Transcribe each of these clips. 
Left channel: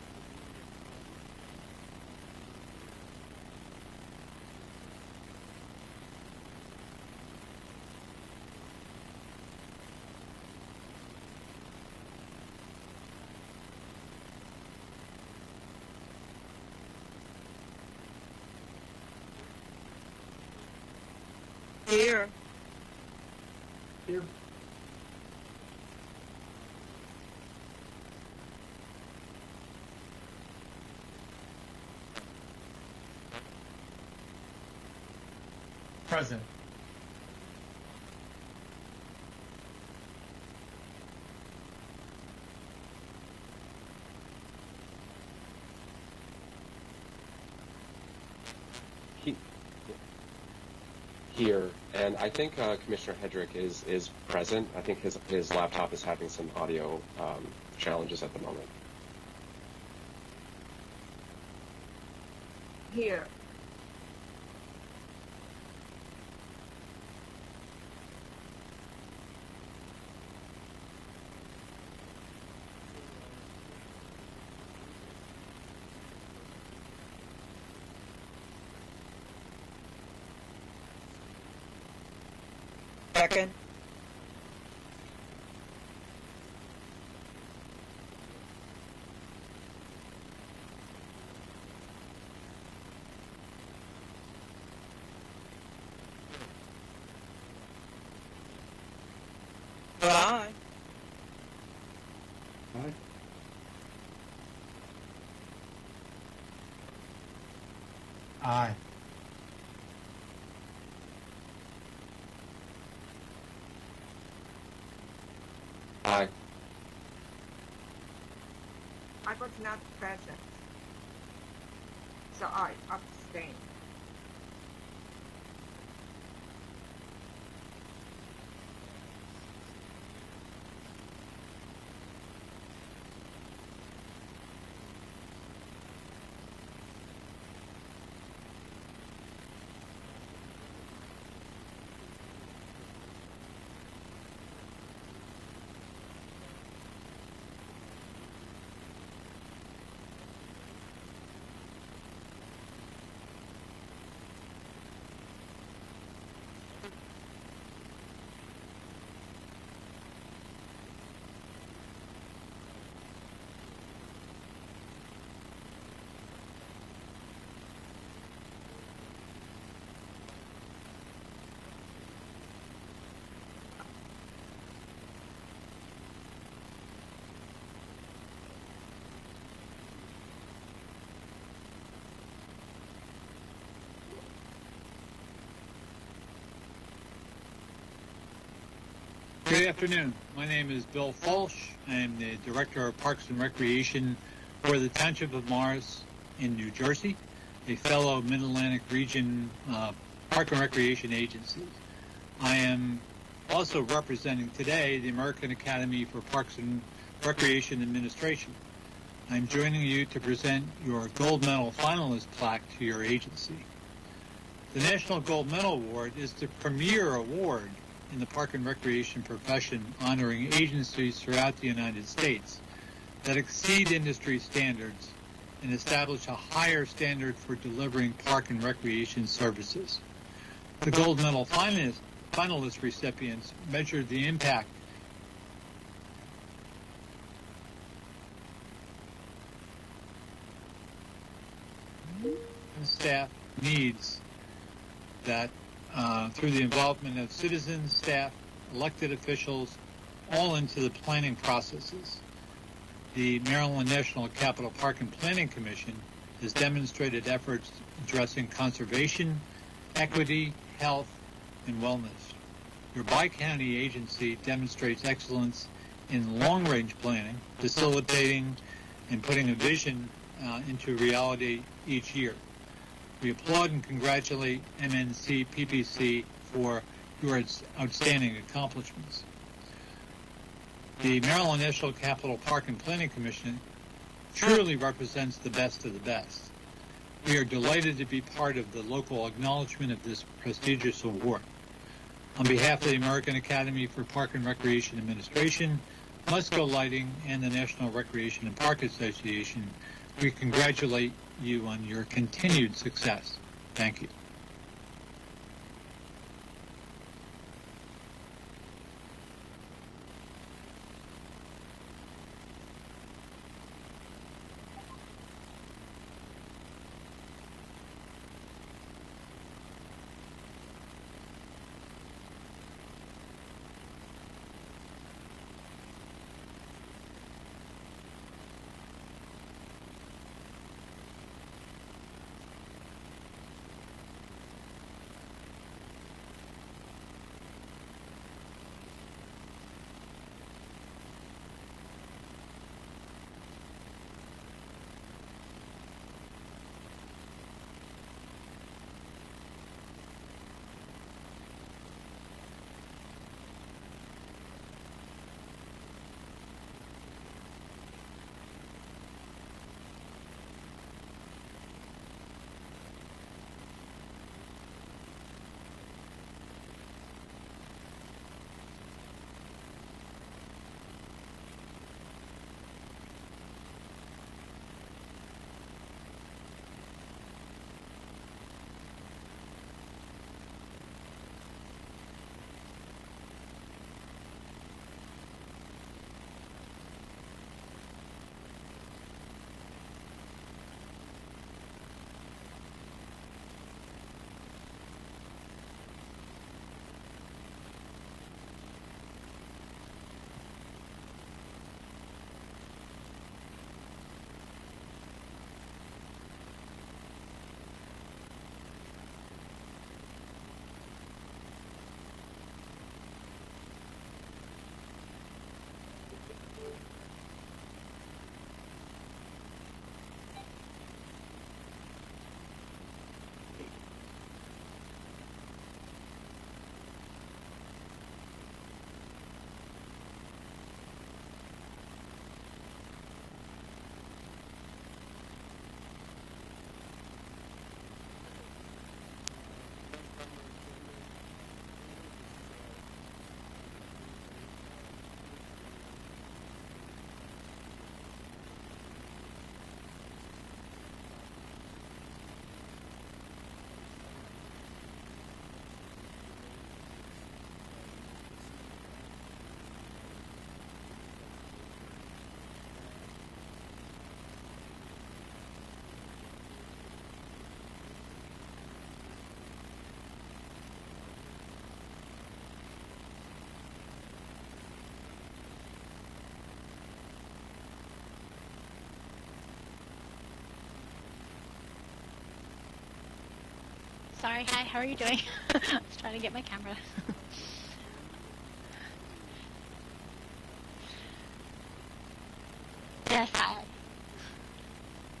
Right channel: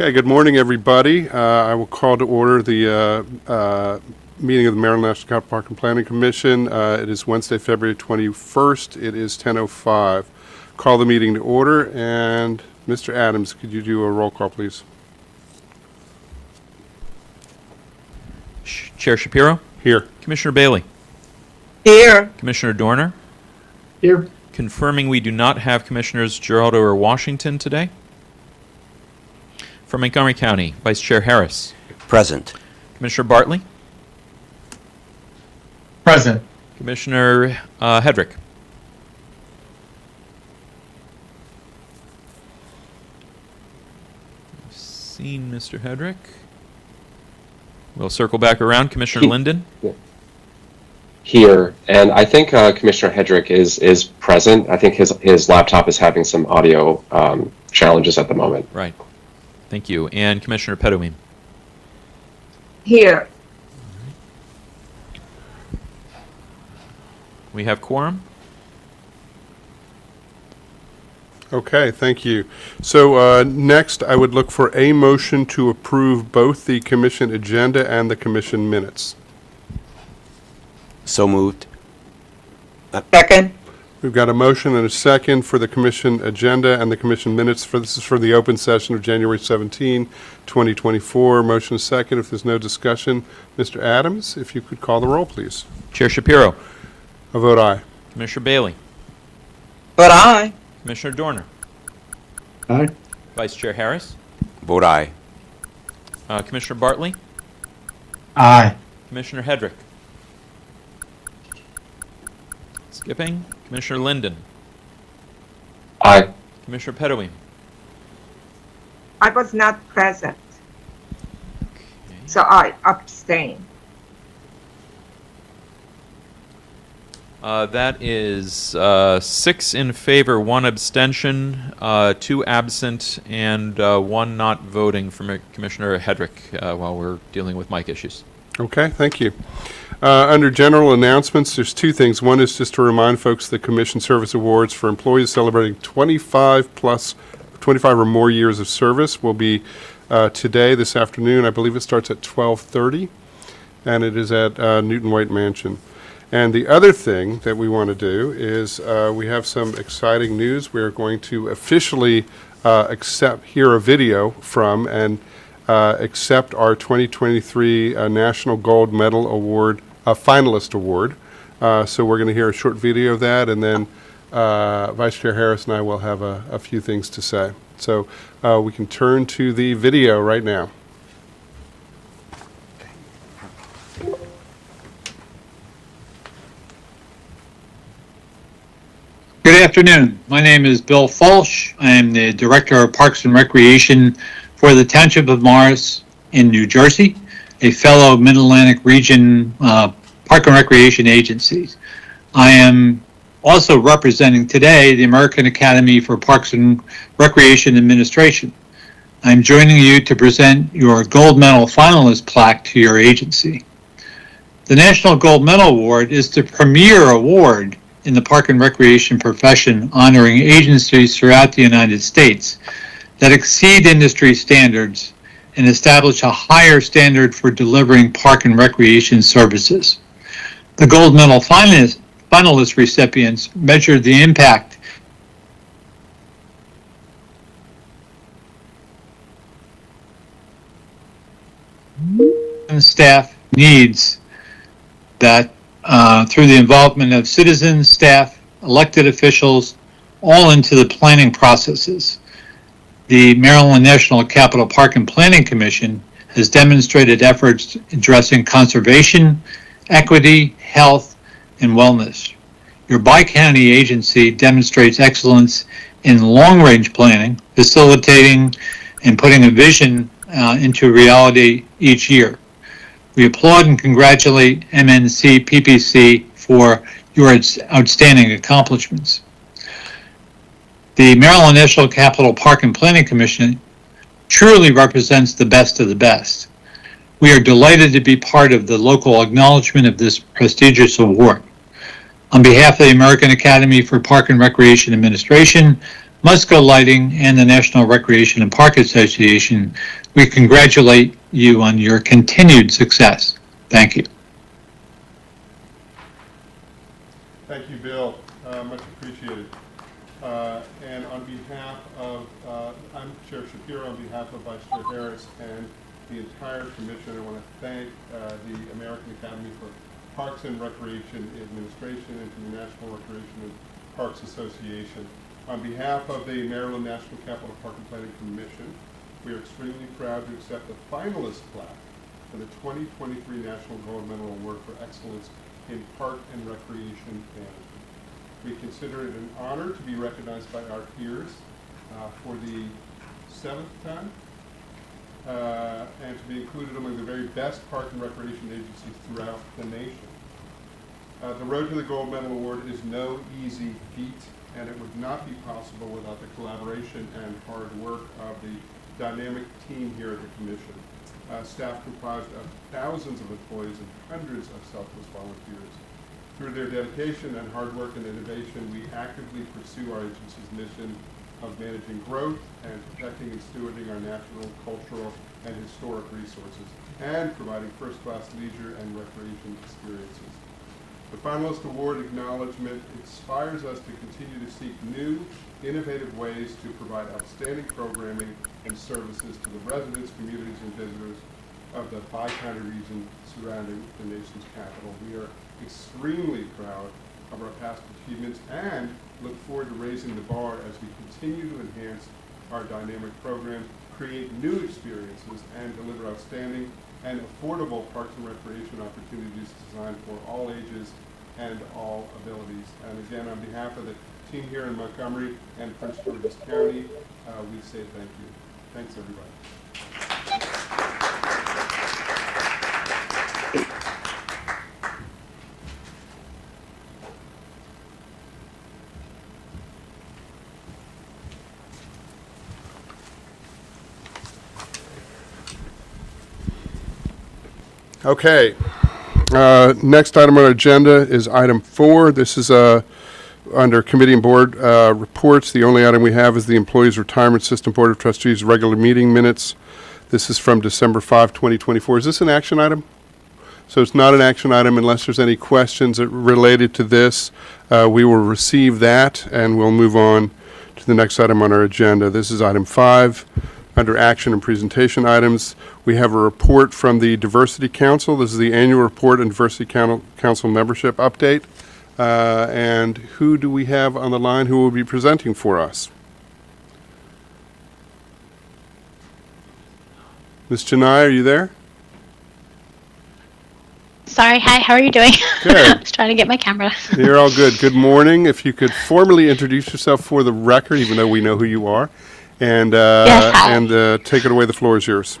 Okay, good morning, everybody. I will call to order the meeting of the Maryland National Capital Park and Planning Commission. It is Wednesday, February 21st. It is 10:05. Call the meeting to order, and Mr. Adams, could you do a roll call, please? Chair Shapiro? Here. Commissioner Bailey? Here. Commissioner Dorner? Here. Confirming we do not have Commissioners Giraldo or Washington today. From Montgomery County, Vice Chair Harris. Present. Commissioner Bartley? Present. Commissioner Hedrick? Seen Mr. Hedrick. We'll circle back around. Commissioner Linden? Here, and I think Commissioner Hedrick is present. I think his laptop is having some audio challenges at the moment. Right. Thank you. And Commissioner Pedowin? Here. We have quorum. Okay, thank you. So next, I would look for a motion to approve both the commission agenda and the commission minutes. So moved. Second. We've got a motion and a second for the commission agenda and the commission minutes. This is for the open session of January 17, 2024. Motion is second. If there's no discussion, Mr. Adams, if you could call the roll, please. Chair Shapiro? A vote aye. Commissioner Bailey? But aye. Commissioner Dorner? Aye. Vice Chair Harris? Vote aye. Commissioner Bartley? Aye. Commissioner Hedrick? Skipping. Commissioner Linden? Aye. Commissioner Pedowin? I was not present, so I abstain. That is 6 in favor, 1 abstention, 2 absent, and 1 not voting from Commissioner Hedrick while we're dealing with mic issues. Okay, thank you. Under general announcements, there's two things. One is just to remind folks the Commission Service Awards for employees celebrating 25 or more years of service will be today, this afternoon. I believe it starts at 12:30, and it is at Newton White Mansion. And the other thing that we want to do is we have some exciting news. We're going to officially hear a video from and accept our 2023 National Gold Medal Award, Finalist Award. So we're going to hear a short video of that, and then Vice Chair Harris and I will have a few things to say. So we can turn to the video right now. Good afternoon. My name is Bill Falsh. I am the Director of Parks and Recreation for the Township of Morris in New Jersey, a fellow Mid-Atlantic Region Park and Recreation agencies. I am also representing today the American Academy for Parks and Recreation Administration. I'm joining you to present your Gold Medal Finalist plaque to your agency. The National Gold Medal Award is the premier award in the park and recreation profession, honoring agencies throughout the United States that exceed industry standards and establish a higher standard for delivering park and recreation services. The Gold Medal finalist recipients measured the impact and staff needs that through the involvement of citizens, staff, elected officials, all into the planning processes. The Maryland National Capital Park and Planning Commission has demonstrated efforts addressing conservation, equity, health, and wellness. Your bi-county agency demonstrates excellence in long-range planning, facilitating and putting a vision into reality each year. We applaud and congratulate MNC PPC for your outstanding accomplishments. The Maryland National Capital Park and Planning Commission truly represents the best of the best. We are delighted to be part of the local acknowledgement of this prestigious award. On behalf of the American Academy for Park and Recreation Administration, Musco Lighting, and the National Recreation and Park Association, we congratulate you on your continued success. Thank you. Thank you, Bill. Much appreciated. And on behalf of, I'm Chair Shapiro, on behalf of Vice Chair Harris and the entire commission, I want to thank the American Academy for Parks and Recreation Administration and the National Recreation and Parks Association. On behalf of the Maryland National Capital Park and Planning Commission, we are extremely proud to accept the finalist plaque for the 2023 National Gold Medal Award for Excellence in Park and Recreation Management. We consider it an honor to be recognized by our peers for the 7th time and to be included among the very best park and recreation agencies throughout the nation. The road to the Gold Medal Award is no easy feat, and it would not be possible without the collaboration and hard work of the dynamic team here at the Commission. Staff comprised of thousands of employees and hundreds of selfless volunteers. Through their dedication and hard work and innovation, we actively pursue our agency's mission of managing growth and protecting and stewarding our natural, cultural, and historic resources, and providing first-class leisure and recreation experiences. The finalist award acknowledgement inspires us to continue to seek new, innovative ways to provide outstanding programming and services to the residents, communities, and visitors of the Bi-County region surrounding the nation's capital. We are extremely proud of our past achievements and look forward to raising the bar as we continue to enhance our dynamic program, create new experiences, and deliver outstanding and affordable park and recreation opportunities designed for all ages and all abilities. And again, on behalf of the team here in Montgomery and Prince George's County, we say thank you. Thanks, everybody. Okay. Next item on our agenda is item 4. This is under committee and board reports. The only item we have is the Employees Retirement System Board of Trustees regular meeting minutes. This is from December 5, 2024. Is this an action item? So it's not an action item unless there's any questions related to this. We will receive that and we'll move on to the next item on our agenda. This is item 5 under action and presentation items. We have a report from the Diversity Council. This is the annual report and Diversity Council membership update. And who do we have on the line who will be presenting for us? Ms. Janai, are you there? Sorry, hi, how are you doing? Good. I was trying to get my camera. You're all good. Good morning. If you could formally introduce yourself for the record, even though we know who you are, and Yes, hi. Take it away. The floor is yours.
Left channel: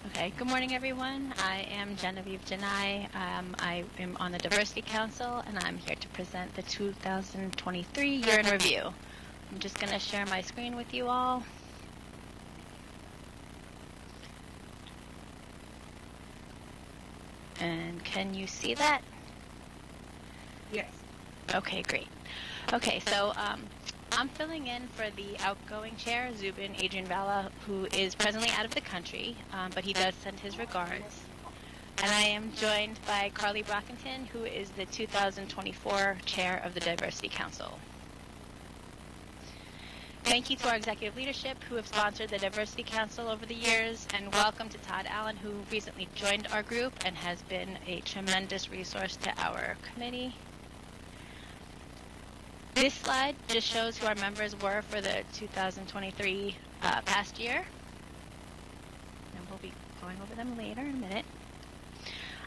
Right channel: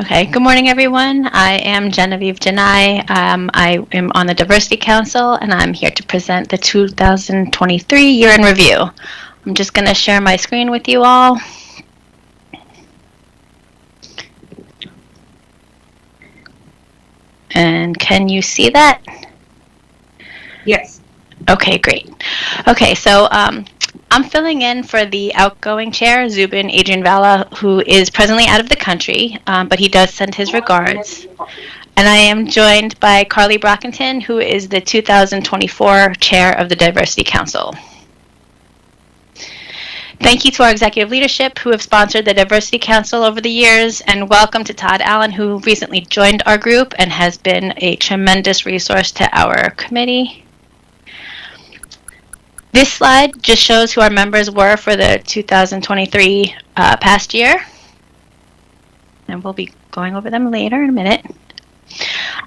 Okay, good morning, everyone. I am Genevieve Janai. I am on the Diversity Council, and I'm here to present the 2023 year in review. I'm just going to share my screen with you all. And can you see that? Yes. Okay, great. Okay, so I'm filling in for the outgoing chair, Zubin Adrian Vala, who is presently out of the country, but he does send his regards. And I am joined by Carly Brockington, who is the 2024 chair of the Diversity Council. Thank you to our executive leadership who have sponsored the Diversity Council over the years, and welcome to Todd Allen, who recently joined our group and has been a tremendous resource to our committee. This slide just shows who our members were for the 2023 past year, and we'll be going over them later in a minute.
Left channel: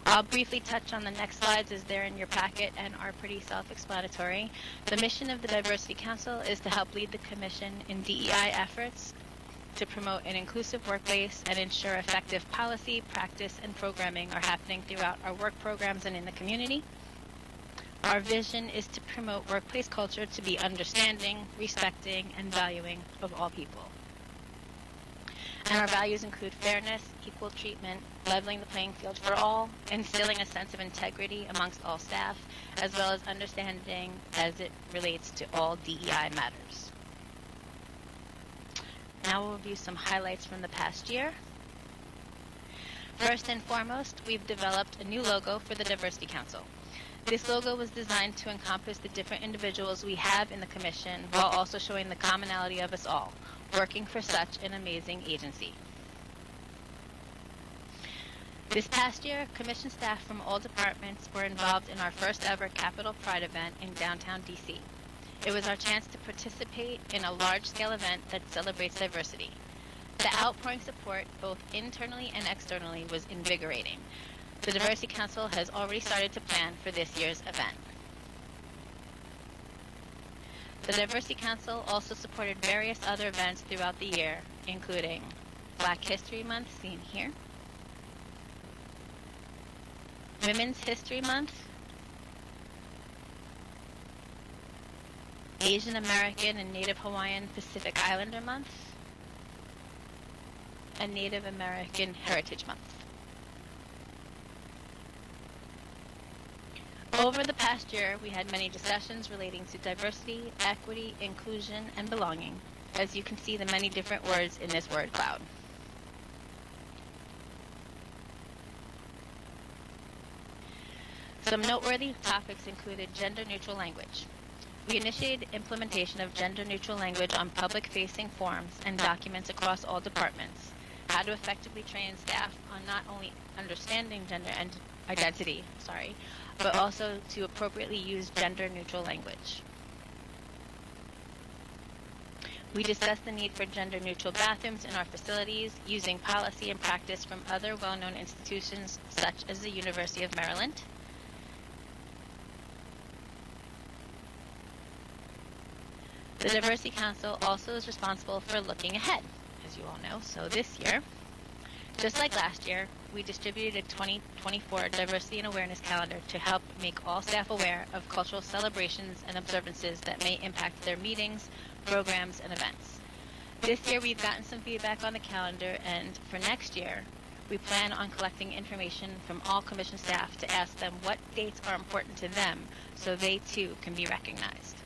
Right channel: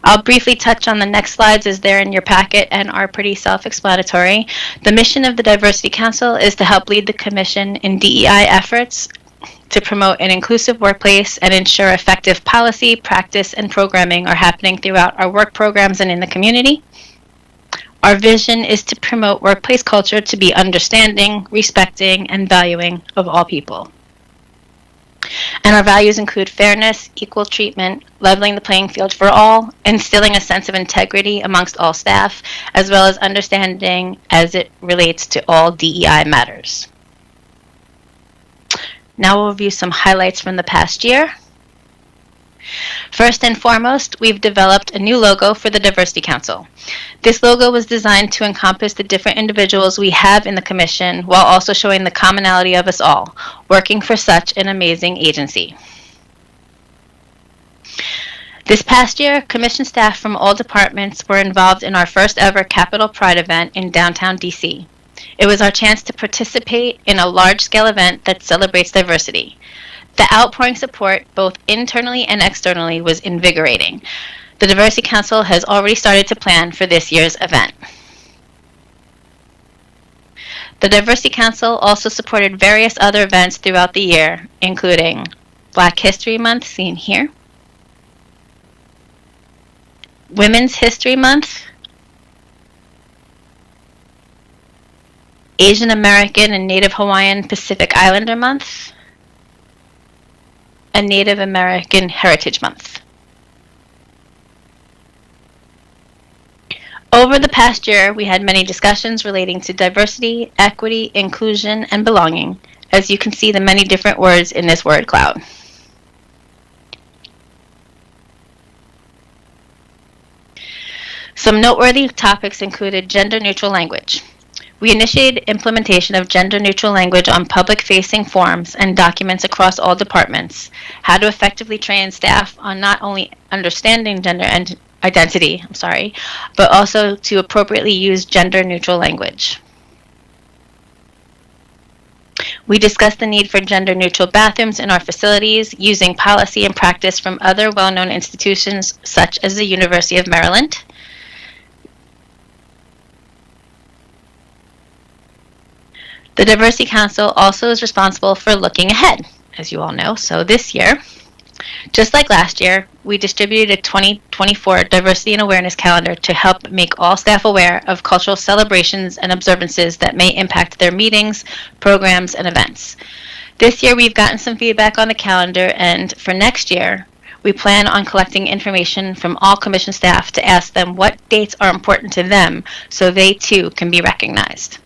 I'll briefly touch on the next slides as they're in your packet and are pretty self-explanatory. The mission of the Diversity Council is to help lead the Commission in DEI efforts to promote an inclusive workplace and ensure effective policy, practice, and programming are happening throughout our work programs and in the community. Our vision is to promote workplace culture to be understanding, respecting, and valuing of all people. And our values include fairness, equal treatment, leveling the playing field for all, instilling a sense of integrity amongst all staff, as well as understanding as it relates to all DEI matters. Now we'll review some highlights from the past year. First and foremost, we've developed a new logo for the Diversity Council. This logo was designed to encompass the different individuals we have in the Commission while also showing the commonality of us all, working for such an amazing agency. This past year, Commission staff from all departments were involved in our first ever Capitol Pride event in downtown DC. It was our chance to participate in a large-scale event that celebrates diversity. The outpouring support, both internally and externally, was invigorating. The Diversity Council has already started to plan for this year's event. The Diversity Council also supported various other events throughout the year, including Black History Month, seen here, Women's History Month, Asian American and Native Hawaiian Pacific Islander Month, and Native American Heritage Month. Over the past year, we had many discussions relating to diversity, equity, inclusion, and belonging, as you can see the many different words in this word cloud. Some noteworthy topics included gender-neutral language. We initiated implementation of gender-neutral language on public-facing forms and documents across all departments, how to effectively train staff on not only understanding gender and identity, but also to appropriately use gender-neutral language. We discussed the need for gender-neutral bathrooms in our facilities using policy and practice from other well-known institutions such as the University of Maryland. The Diversity Council also is responsible for looking ahead, as you all know. So this year, just like last year, we distributed a 2024 Diversity and Awareness Calendar to help make all staff aware of cultural celebrations and observances that may impact their meetings, programs, and events. This year, we've gotten some feedback on the calendar, and for next year, we plan on collecting information from all Commission staff to ask them what dates are important to them so they too can be recognized.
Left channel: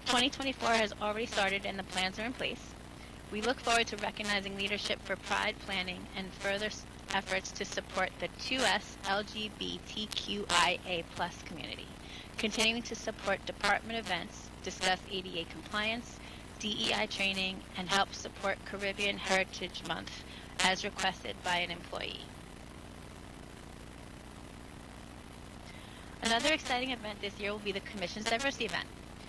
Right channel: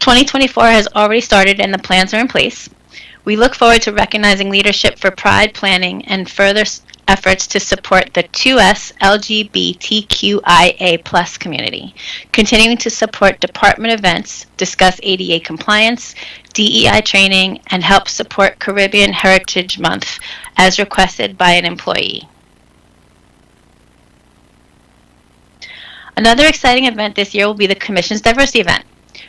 2024 has already started and the plans are in place. We look forward to recognizing leadership for Pride planning and further efforts to support the 2S LGBTQIA+ community, continuing to support department events, discuss ADA compliance, DEI training, and help support Caribbean Heritage Month as requested by an employee. Another exciting event this year will be the Commission's Diversity event,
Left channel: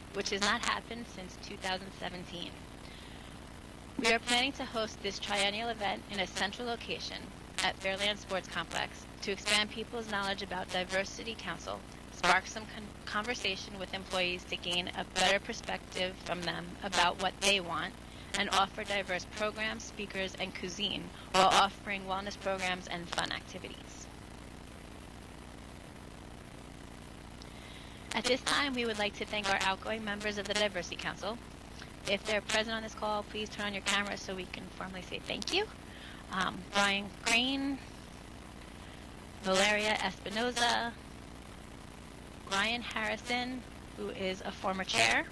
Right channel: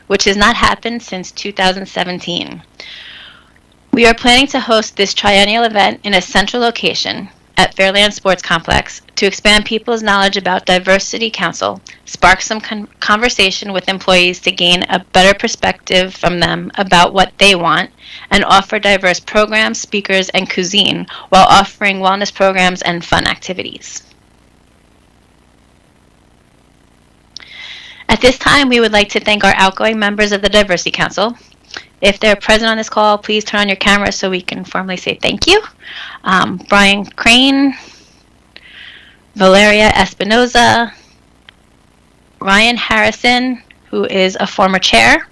which has not happened since 2017. We are planning to host this triennial event in a central location at Fairland Sports Complex to expand people's knowledge about Diversity Council, spark some conversation with employees to gain a better perspective from them about what they want, and offer diverse programs, speakers, and cuisine while offering wellness programs and fun activities. At this time, we would like to thank our outgoing members of the Diversity Council. If they're present on this call, please turn on your camera so we can formally say thank you. Brian Crane, Valeria Espinoza, Ryan Harrison, who is a former chair,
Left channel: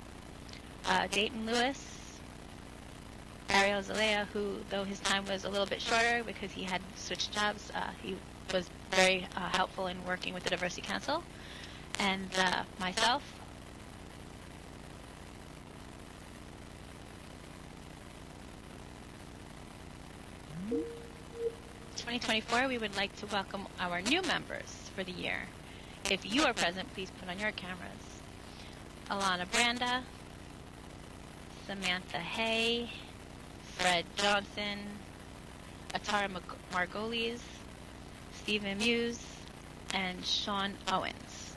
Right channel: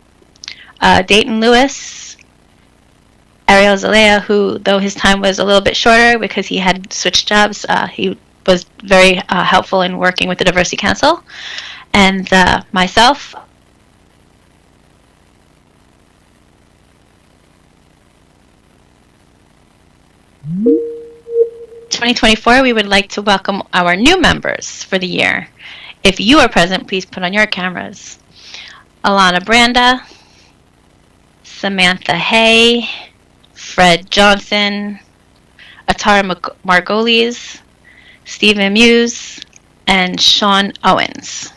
Dayton Lewis, Ariel Zalea, who, though his time was a little bit shorter because he had switched jobs, he was very helpful in working with the Diversity Council. And myself. 2024, we would like to welcome our new members for the year. If you are present, please put on your cameras. Alana Branda, Samantha Hay, Fred Johnson, Atara Margolis, Stephen Muse, and Sean Owens.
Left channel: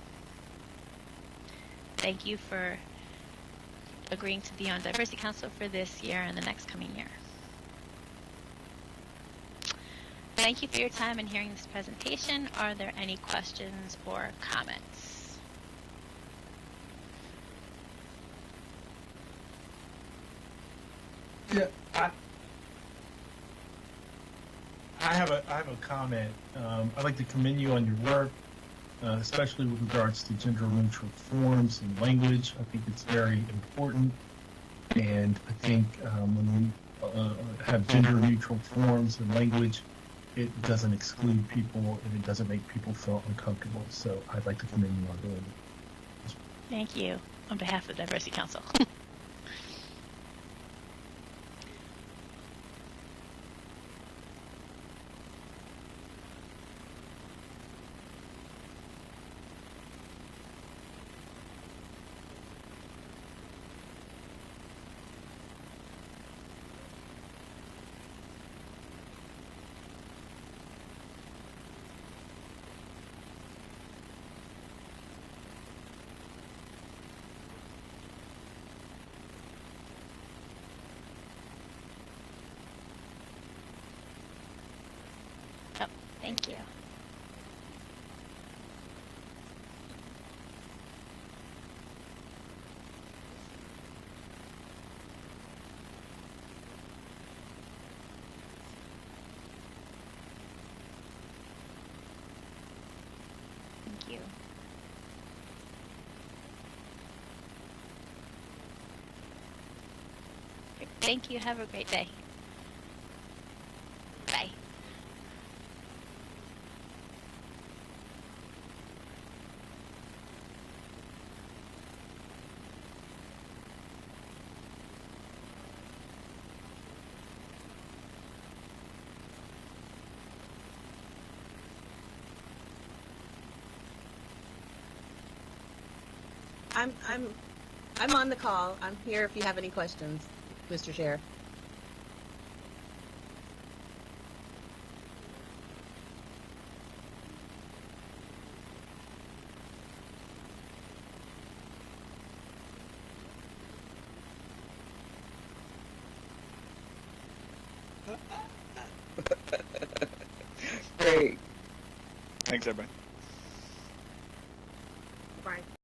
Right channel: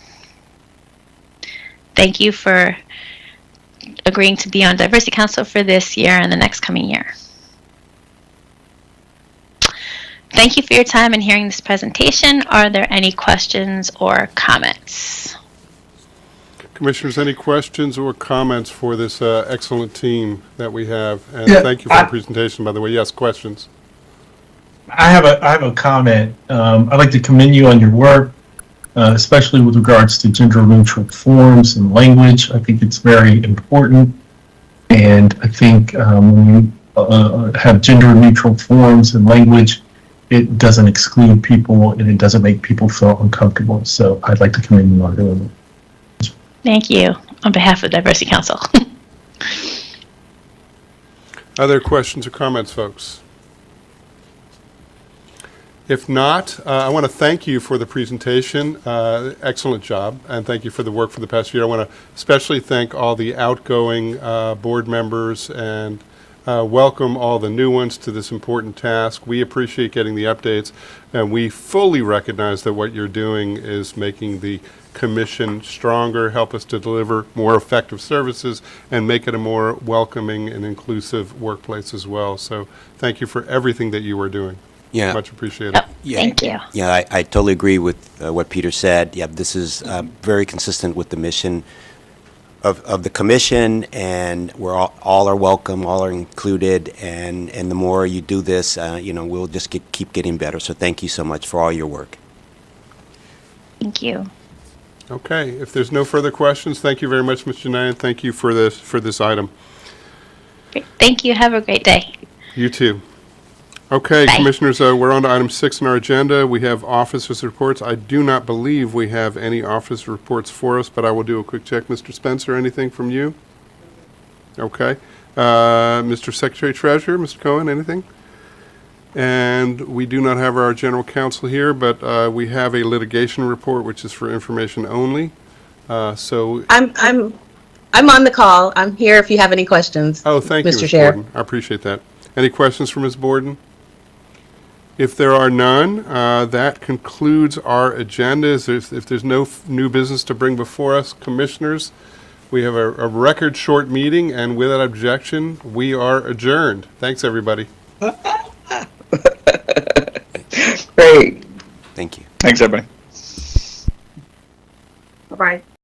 Thank you for agreeing to be on Diversity Council for this year and the next coming year. Thank you for your time in hearing this presentation. Are there any questions or comments? Commissioners, any questions or comments for this excellent team that we have? And Yeah, thank you for the presentation, by the way. Yes, questions? I have a comment. I'd like to commend you on your work. especially with regards to gender-neutral forms and language. I think it's very important. And I think when you have gender-neutral forms and language, it doesn't exclude people and it doesn't make people feel uncomfortable. So I'd like to commend you on doing it. Thank you on behalf of Diversity Council. Other questions or comments, folks? If not, I want to thank you for the presentation. Excellent job, and thank you for the work for the past year. I want to especially thank all the outgoing board members and welcome all the new ones to this important task. We appreciate getting the updates, and we fully recognize that what you're doing is making the commission stronger, help us to deliver more effective services, and make it a more welcoming and inclusive workplace as well. So thank you for everything that you are doing. Yeah. Much appreciated. Yeah. Thank you. Yeah, I totally agree with what Peter said. Yeah, this is very consistent with the mission of the commission, and we're all are welcome, all are included, and the more you do this, we'll just keep getting better. So thank you so much for all your work. Thank you. Okay, if there's no further questions, thank you very much, Mr. Nyan. Thank you for this item. Great. Thank you. Have a great day. You too. Okay, Bye. Commissioners, we're on to item 6 on our agenda. We have officers' reports. I do not believe we have any office reports for us, but I will do a quick check. Mr. Spencer, anything from you? Okay. Mr. Secretary Treasurer, Mr. Cohen, anything? And we do not have our general counsel here, but we have a litigation report, which is for information only. So, I'm on the call. I'm here if you have any questions. oh, thank you, Mr. Ms. Chair. Borden. I appreciate that. Any questions for Ms. Borden? If there are none, that concludes our agenda. If there's no new business to bring before us, Commissioners, we have a record short meeting, and without objection, we are adjourned. Thanks, everybody. Great. Thank you. Thanks, everybody. Bye-bye.